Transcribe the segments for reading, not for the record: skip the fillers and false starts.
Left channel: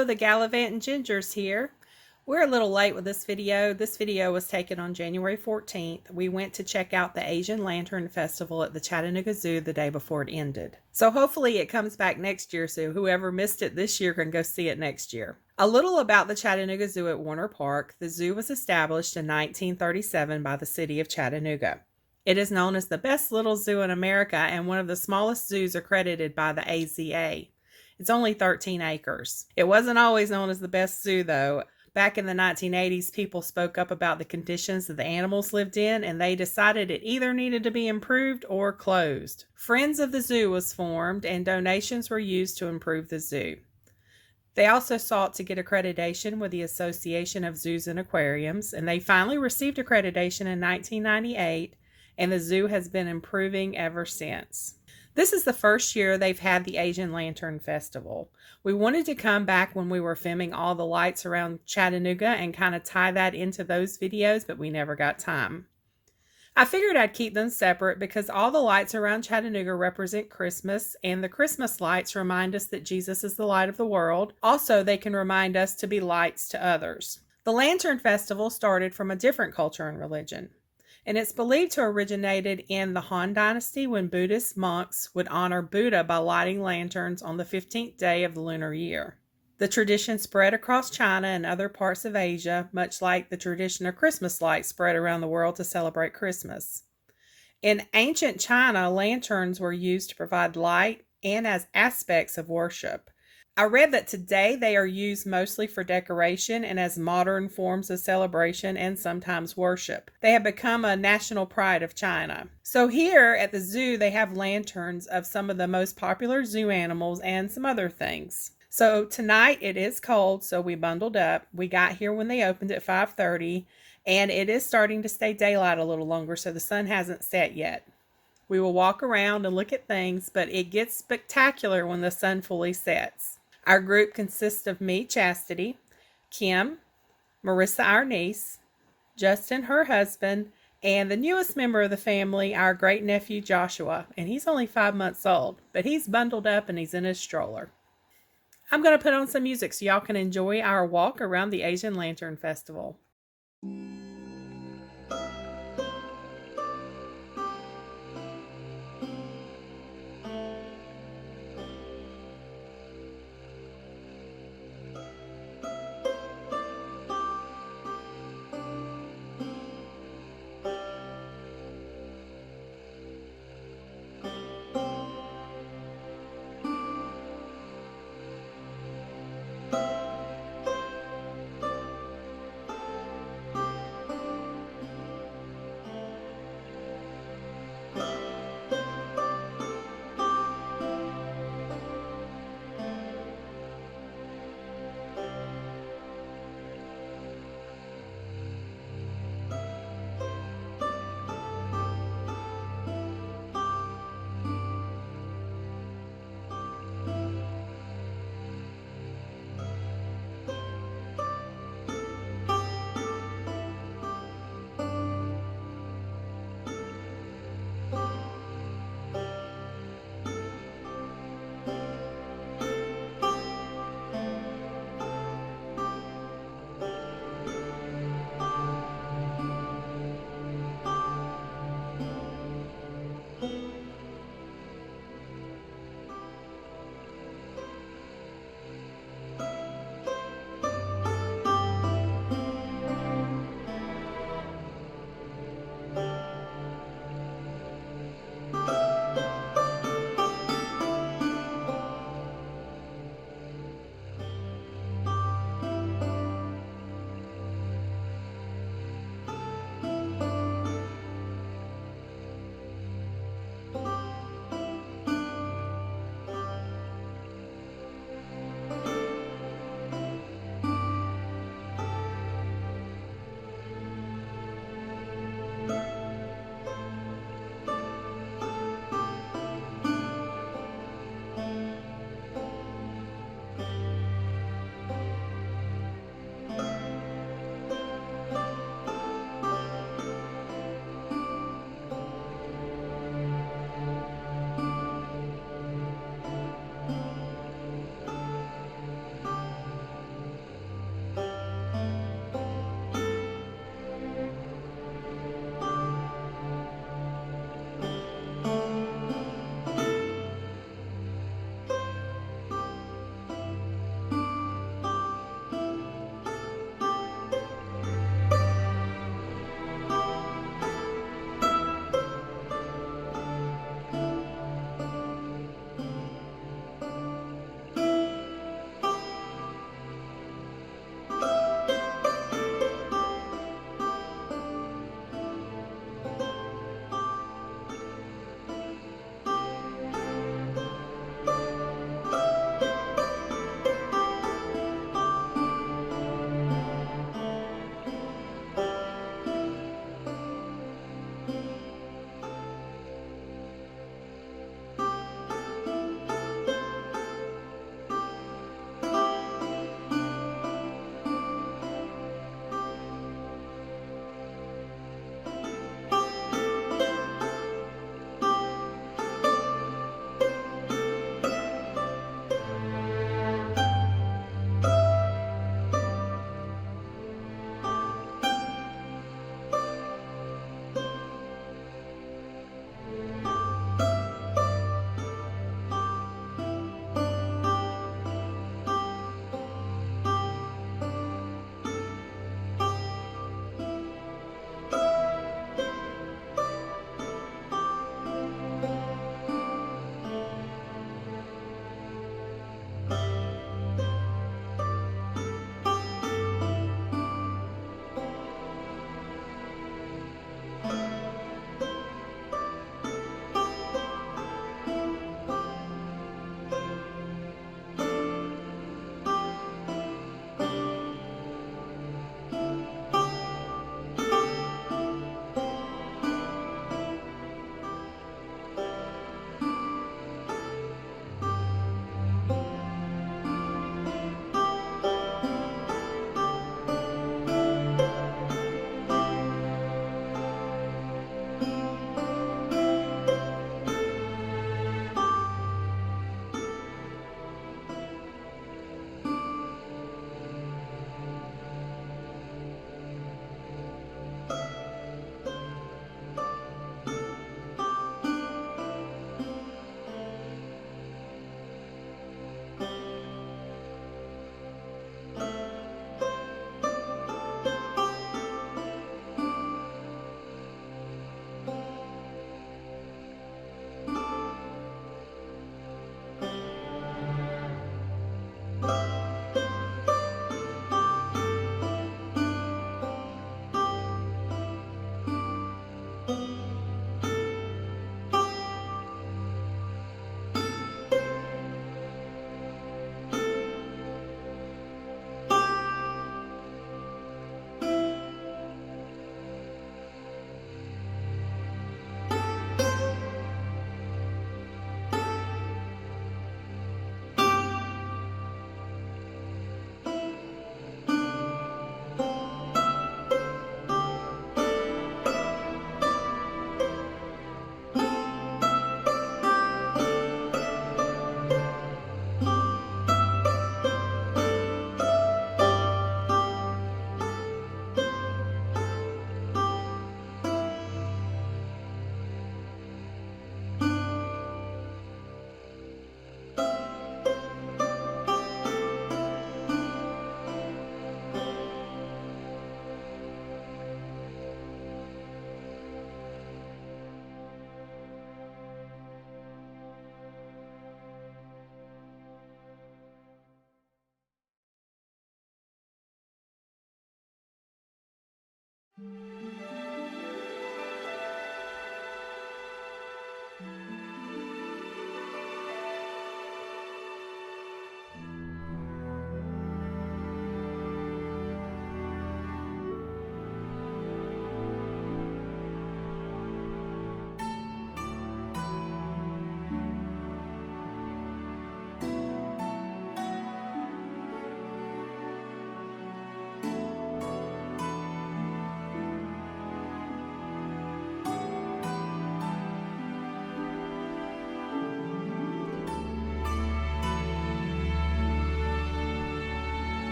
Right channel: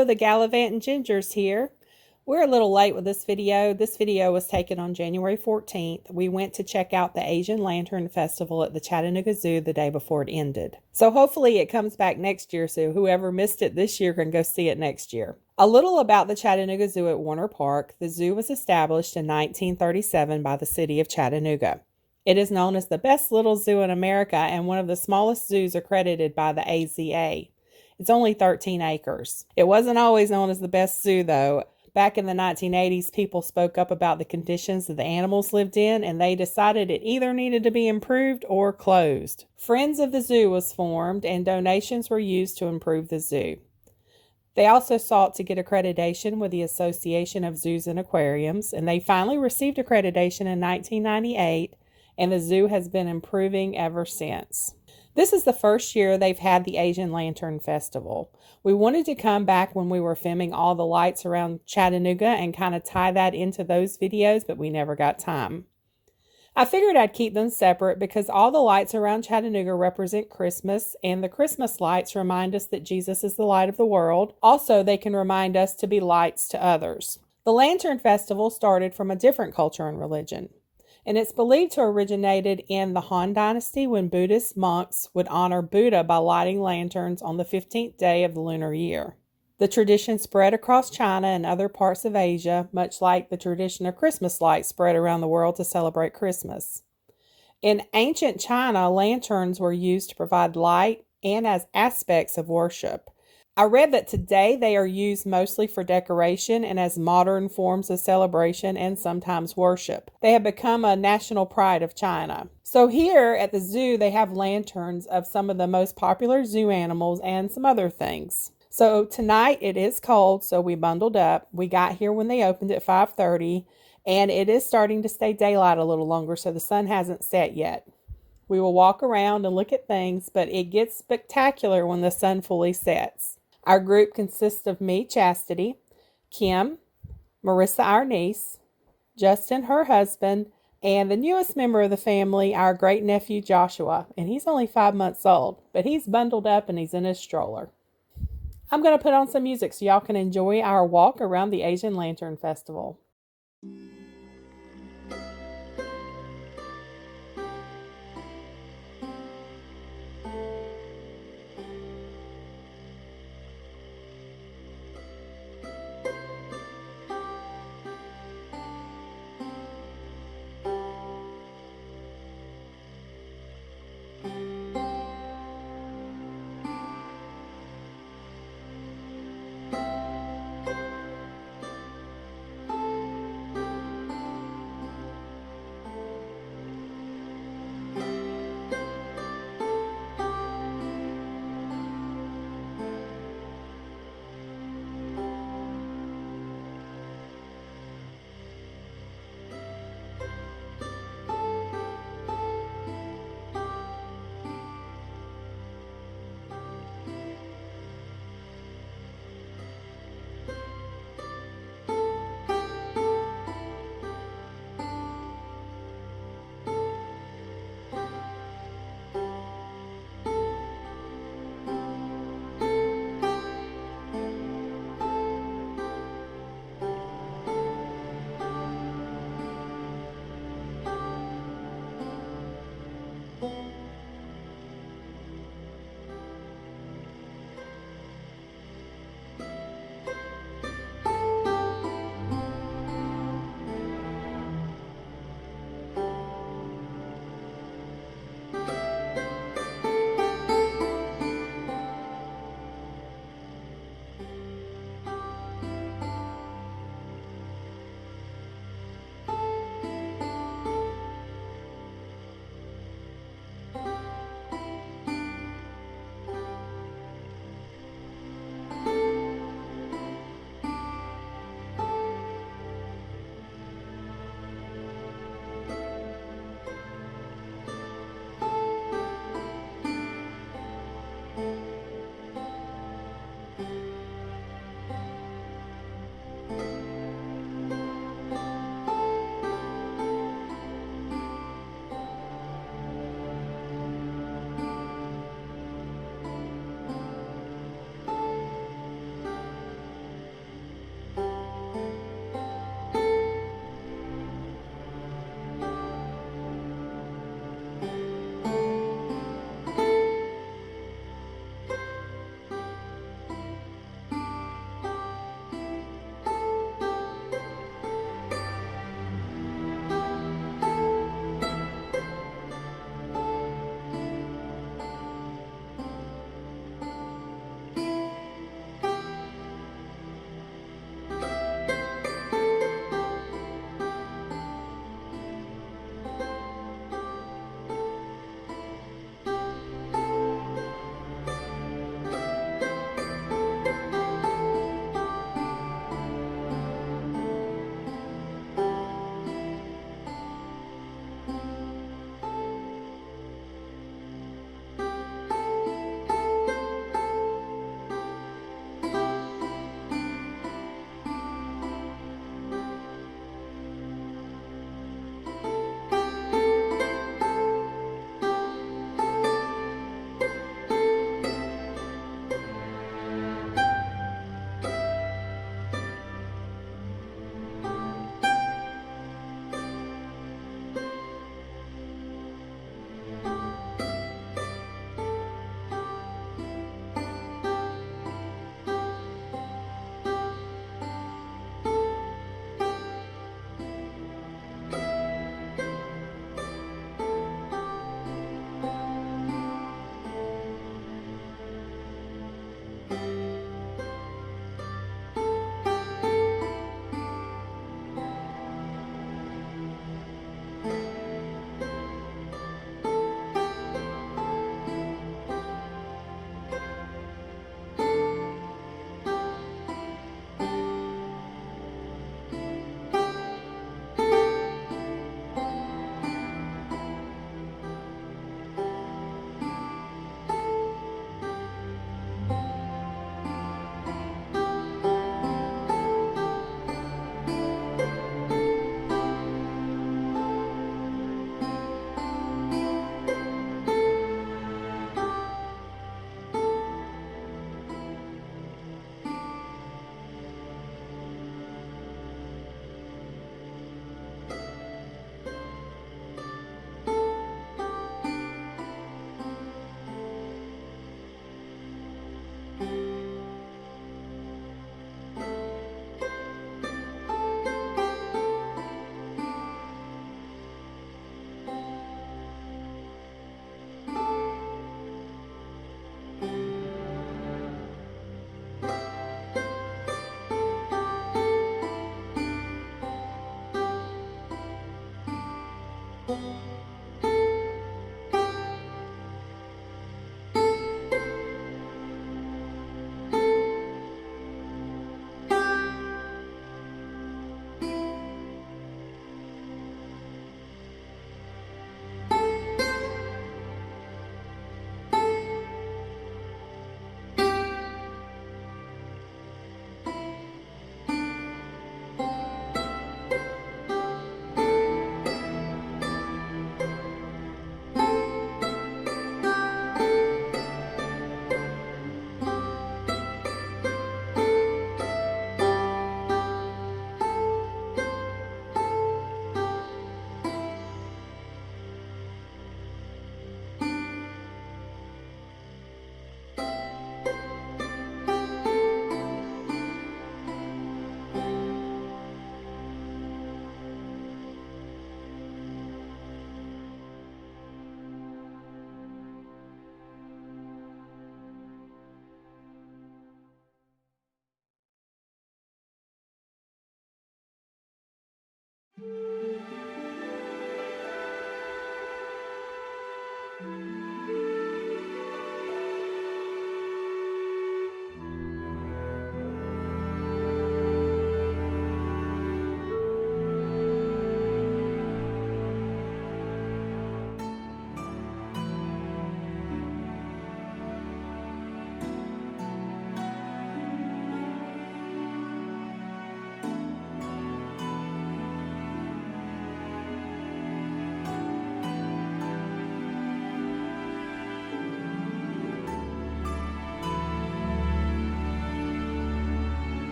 Hello, the Gallivant and Ginger's here. We're a little late with this video. This video was taken on January 14th. We went to check out the Asian Lantern Festival at the Chattanooga Zoo the day before it ended. So hopefully it comes back next year, so whoever missed it this year can go see it next year. A little about the Chattanooga Zoo at Warner Park. The zoo was established in 1937 by the city of Chattanooga. It is known as the best little zoo in America and one of the smallest zoos accredited by the AZA. It's only 13 acres. It wasn't always known as the best zoo, though. Back in the 1980s, people spoke up about the conditions that the animals lived in, and they decided it either needed to be improved or closed. Friends of the Zoo was formed, and donations were used to improve the zoo. They also sought to get accreditation with the Association of Zoos and Aquariums, and they finally received accreditation in 1998, and the zoo has been improving ever since. This is the first year they've had the Asian Lantern Festival. We wanted to come back when we were filming all the lights around Chattanooga and kind of tie that into those videos, but we never got time. I figured I'd keep them separate because all the lights around Chattanooga represent Christmas, and the Christmas lights remind us that Jesus is the light of the world. Also, they can remind us to be lights to others. The Lantern Festival started from a different culture and religion, and it's believed to have originated in the Han Dynasty when Buddhist monks would honor Buddha by lighting lanterns on the 15th day of the lunar year. The tradition spread across China and other parts of Asia, much like the tradition of Christmas lights spread around the world to celebrate Christmas. In ancient China, lanterns were used to provide light and as aspects of worship. I read that today they are used mostly for decoration and as modern forms of celebration and sometimes worship. They have become a national pride of China. So here at the zoo, they have lanterns of some of the most popular zoo animals and some other things. So tonight it is cold, so we bundled up. We got here when they opened at 5:30, and it is starting to stay daylight a little longer, so the sun hasn't set yet. We will walk around and look at things, but it gets spectacular when the sun fully sets. Our group consists of me, Chastity, Kim, Marissa, our niece, Justin, her husband, and the newest member of the family, our great-nephew, Joshua. And he's only 5 months old, but he's bundled up and he's in his stroller. I'm going to put on some music so y'all can enjoy our walk around the Asian Lantern Festival.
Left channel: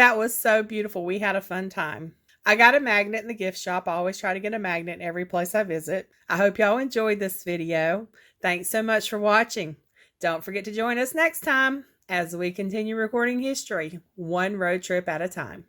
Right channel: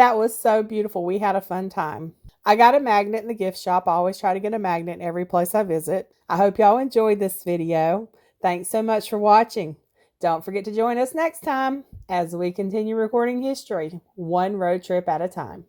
That was so beautiful. We had a fun time. I got a magnet in the gift shop. I always try to get a magnet in every place I visit. I hope y'all enjoyed this video. Thanks so much for watching. Don't forget to join us next time as we continue recording history, one road trip at a time.